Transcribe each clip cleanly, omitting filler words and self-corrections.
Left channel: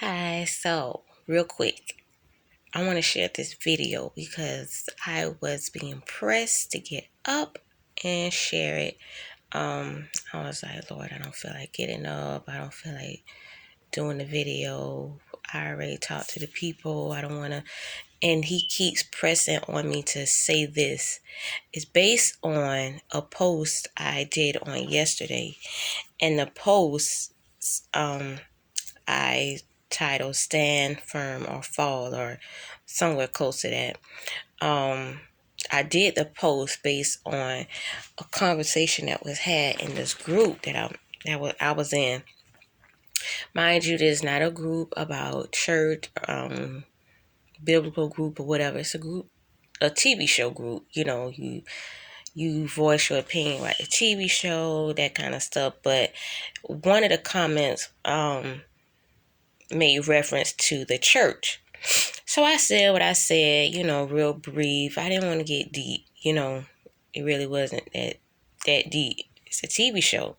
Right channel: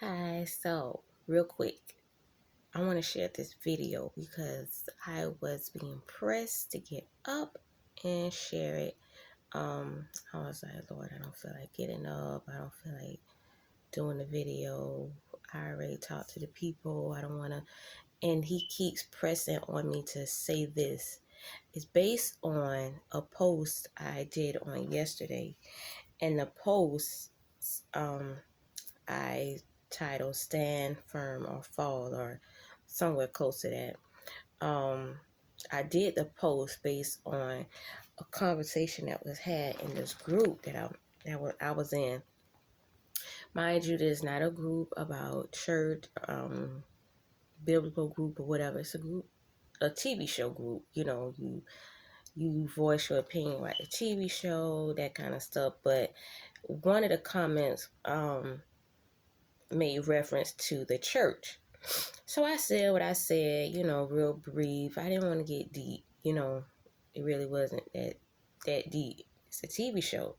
Hi, so real quick, I want to share this video because I was being pressed to get up and share it. I was like, Lord, I don't feel like getting up. I don't feel like doing the video. I already talked to the people. I don't want to. And he keeps pressing on me to say this. It's based on a post I did on yesterday. And the post, um, I titled Stand Firm or Fall or somewhere close to that. Um, I did the post based on a conversation that was had in this group I was in. Mind you, this is not a group about church, biblical group or whatever. It's a group, a TV show group. You voice your opinion about the TV show, that kind of stuff. But one of the comments made reference to the church. So I said what I said, real brief. I didn't want to get deep, it really wasn't that deep. It's a TV show.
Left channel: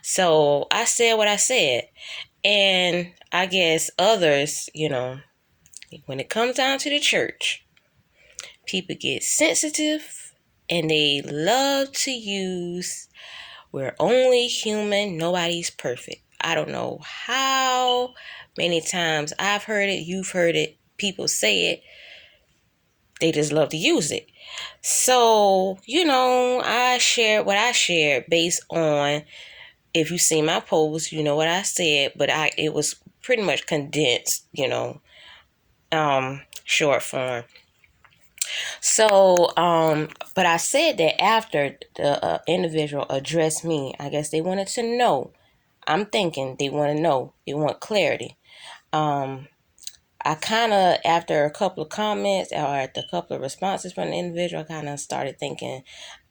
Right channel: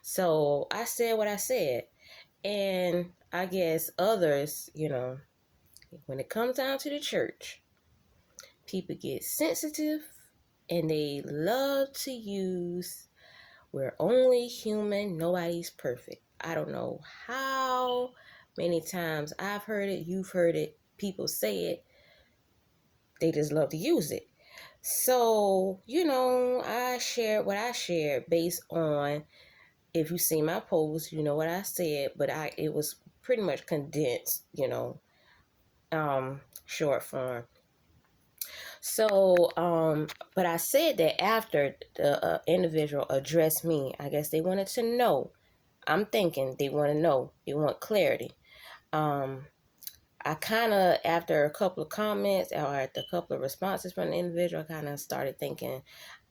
So I said what I said. And I guess others, when it comes down to the church, people get sensitive and they love to use we're only human, nobody's perfect. I don't know how many times I've heard it, you've heard it, people say it. They just love to use it. So, I shared what I shared based on, if you see my post, you know what I said, but it was pretty much condensed, short form. So, but I said that after the individual addressed me, I guess they wanted to know. I'm thinking they want to know. They want clarity. I kind of, after a couple of comments or after a couple of responses from the individual, I kind of started thinking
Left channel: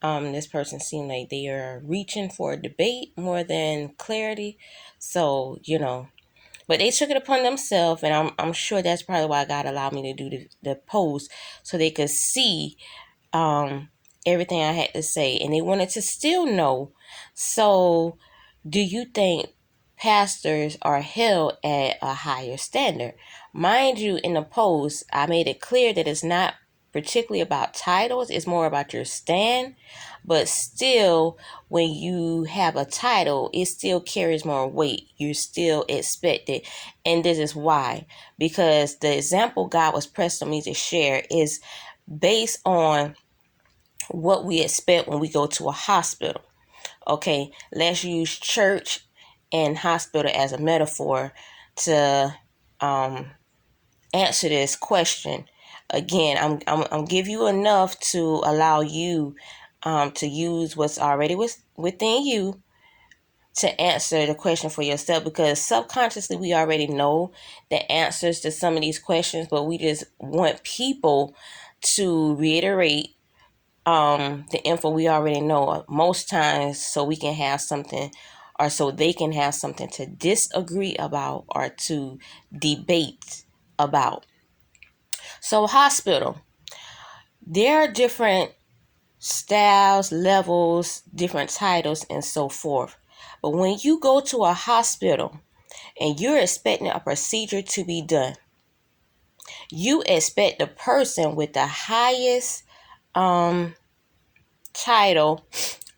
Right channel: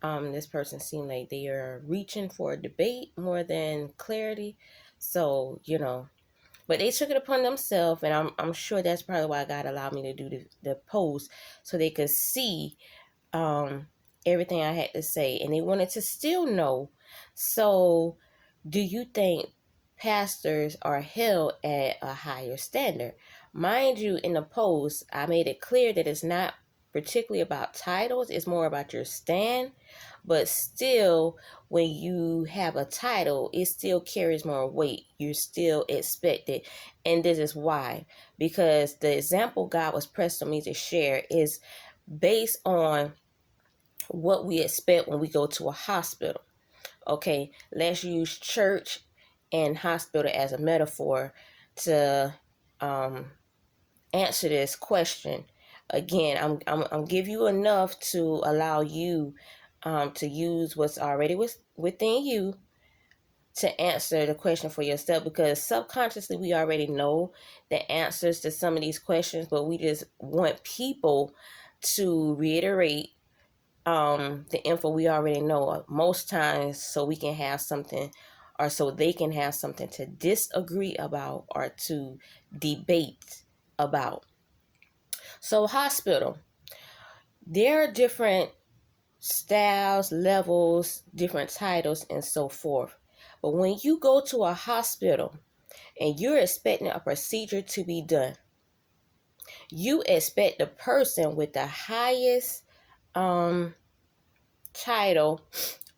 this person seemed like they are reaching for a debate more than clarity. So, but they took it upon themselves, and I'm sure that's probably why God allowed me to do the post so they could see everything I had to say, and they wanted to still know. So, do you think pastors are held at a higher standard? Mind you, in the post, I made it clear that it's not particularly about titles, it's more about your stand. But still, when you have a title, it still carries more weight. You're still expected. And this is why. Because the example God was pressed on me to share is based on what we expect when we go to a hospital. Okay, let's use church and hospital as a metaphor to answer this question. Again, I'm give you enough to allow you to use what's already within you to answer the question for yourself, because subconsciously we already know the answers to some of these questions, but we just want people to reiterate the info we already know most times, so we can have something, or so they can have something to disagree about or to debate about. So hospital, there are different styles, levels, different titles, and so forth. But when you go to a hospital and you're expecting a procedure to be done, you expect the person with the highest title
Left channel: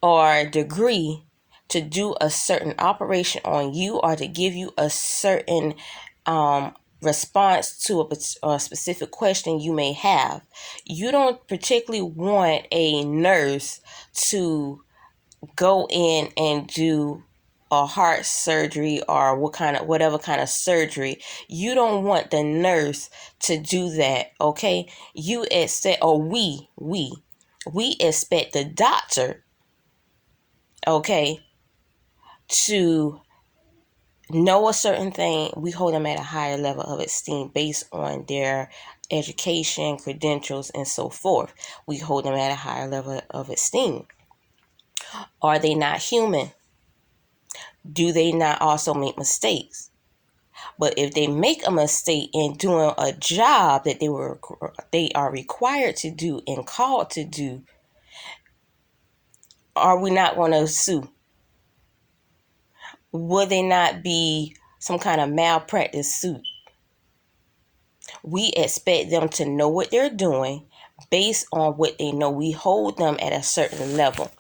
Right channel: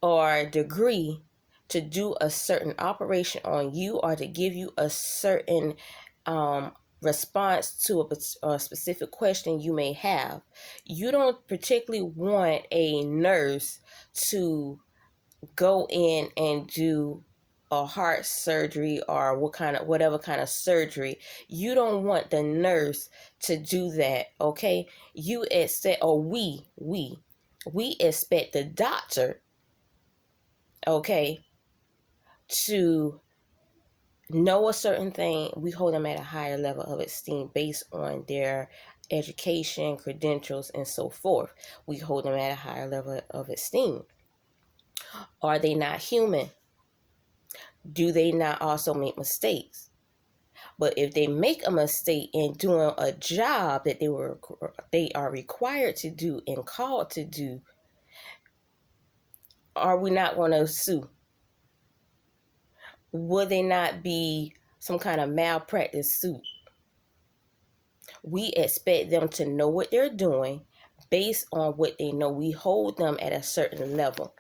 or degree to do a certain operation on you, or to give you a certain response to a specific question you may have. You don't particularly want a nurse to go in and do a heart surgery or whatever kind of surgery. You don't want the nurse to do that. Okay, you expect, or we expect the doctor, okay, to know a certain thing. We hold them at a higher level of esteem based on their education, credentials, and so forth. We hold them at a higher level of esteem. Are they not human? Do they not also make mistakes? But if they make a mistake in doing a job that they are required to do and called to do, are we not going to sue? Would they not be some kind of malpractice suit? We expect them to know what they're doing based on what they know. We hold them at a certain level.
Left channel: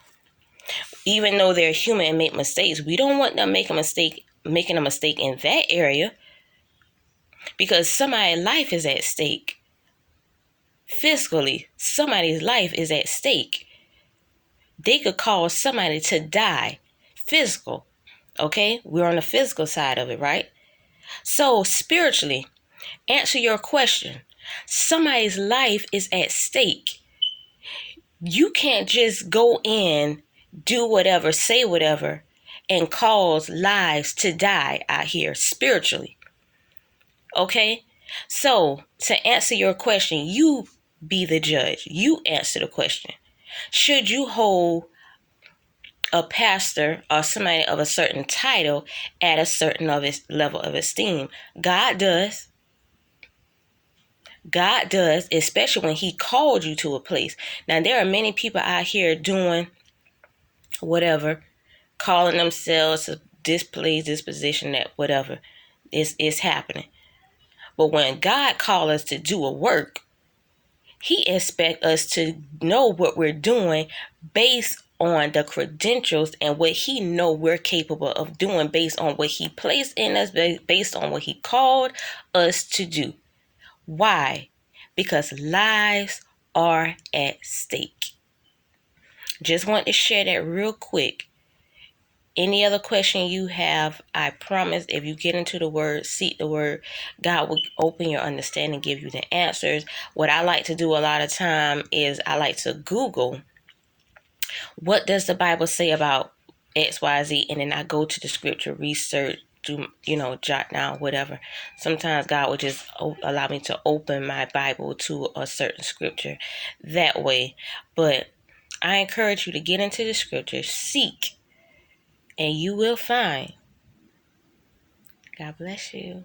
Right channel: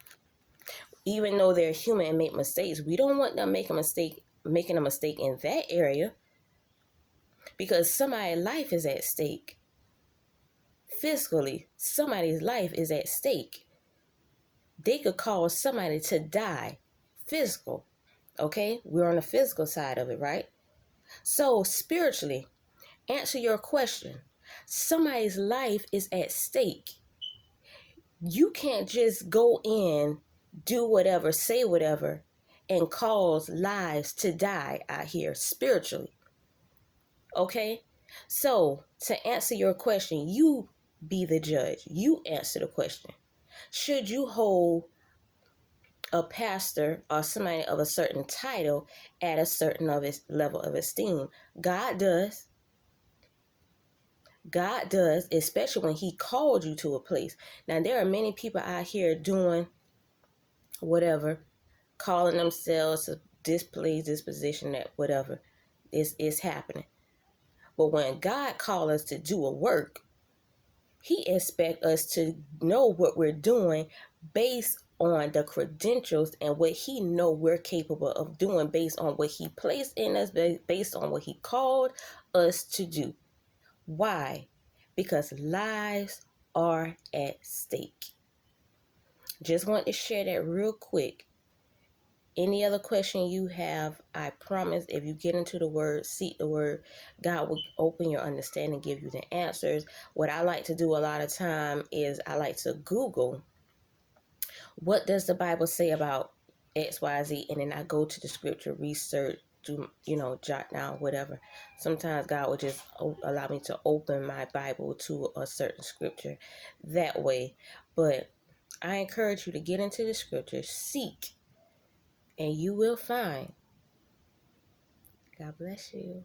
Even though they're human and make mistakes, we don't want them making a mistake in that area, because somebody's life is at stake. Physically, somebody's life is at stake. They could cause somebody to die. Physical. Okay? We're on the physical side of it, right? So, spiritually, answer your question. Somebody's life is at stake. You can't just go in, do whatever, say whatever, and cause lives to die out here spiritually. Okay? So, to answer your question, you be the judge. You answer the question. Should you hold a pastor or somebody of a certain title at a certain level of esteem? God does. God does, especially when he called you to a place. Now, there are many people out here doing whatever, calling themselves to this place, this position, that whatever is happening. But when God calls us to do a work, he expects us to know what we're doing based on the credentials and what he know we're capable of doing, based on what he placed in us, based on what he called us to do. Why? Because lives are at stake. Just want to share that real quick. Any other question you have, I promise, if you get into the word, seek the word, God will open your understanding, give you the answers. What I like to do a lot of time is I like to Google, what does the Bible say about XYZ? And then I go to the scripture, research, do, jot down, whatever. Sometimes God will just allow me to open my Bible to a certain scripture that way. But I encourage you to get into the scripture, seek, and you will find. God bless you.